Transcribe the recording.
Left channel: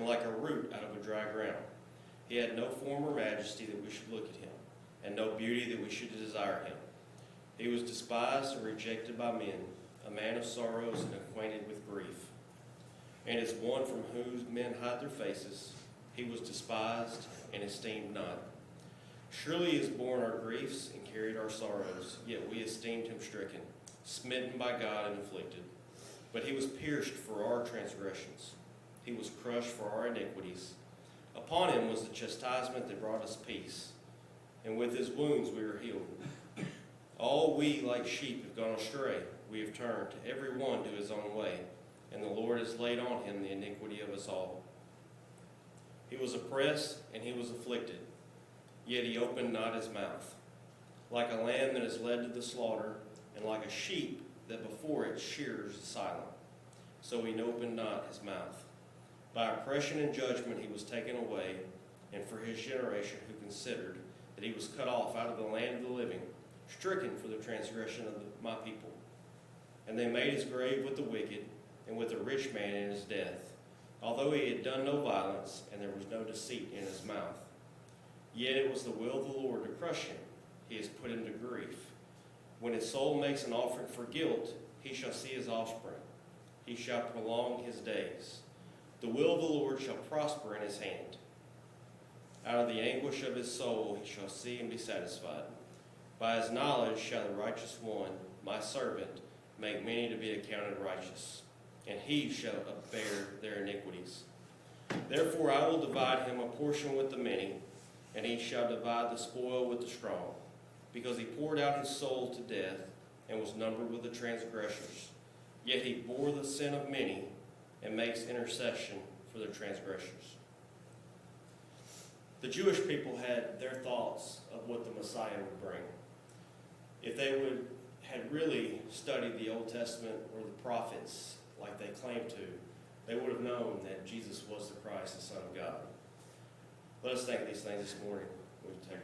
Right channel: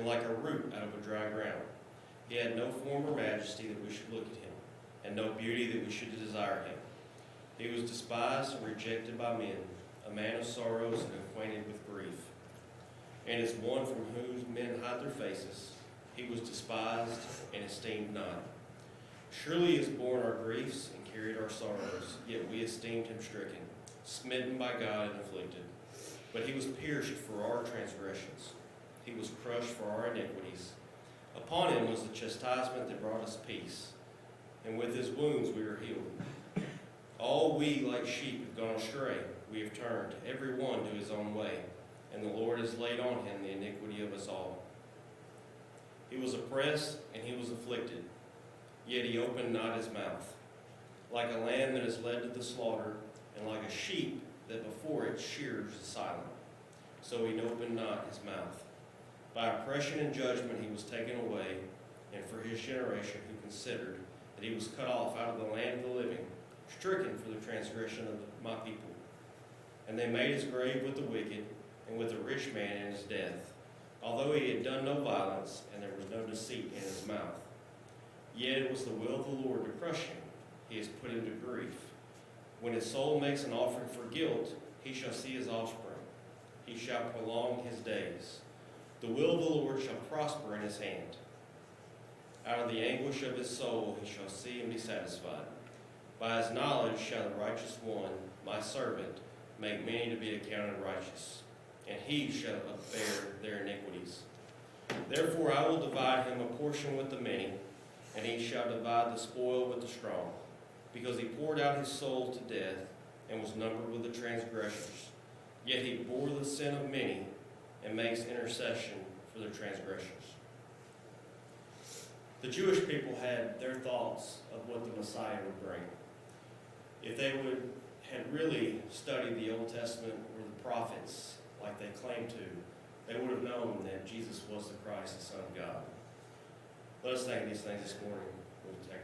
and like a root out of a dry ground. He had no form or majesty that we should look at him, and no beauty that we should desire him. He was despised and rejected by men, a man of sorrows and acquainted with grief. And as one from whom men hide their faces, he was despised and esteemed not. Surely he has borne our griefs and carried our sorrows, yet we esteemed him stricken, smitten by God and afflicted. But he was pierced for our transgressions. He was crushed for our iniquities. Upon him was the chastisement that brought us peace, and with his wounds we are healed. All we like sheep have gone astray. We have turned, every one to his own way, and the Lord has laid on him the iniquity of us all. He was oppressed and he was afflicted, yet he opened not his mouth. Like a lamb that is led to the slaughter, and like a sheep that before its shearers is silent, so he opened not his mouth. By oppression and judgment he was taken away, and for his generation who considered that he was cut off out of the land of the living, stricken for the transgression of my people. And they made his grave with the wicked, and with a rich man in his death, although he had done no violence, and there was no deceit in his mouth. Yet it was the will of the Lord to crush him. He has put him to grief. When his soul makes an offering for guilt, he shall see his offspring. He shall prolong his days. The will of the Lord shall prosper in his hand. Out of the anguish of his soul he shall see and be satisfied. By his knowledge shall the righteous one, my servant, make many to be accounted righteous, and he shall bear their iniquities. Therefore I will divide him a portion with the many, and he shall divide the spoil with the strong, because he poured out his soul to death and was numbered with the transgressors. Yet he bore the sin of many and makes intercession for their transgressions. The Jewish people had their thoughts of what the Messiah would bring. If they had really studied the Old Testament or the prophets like they claimed to, they would have known that Jesus was the Christ, the Son of God. Let us think of these things this morning. We'll take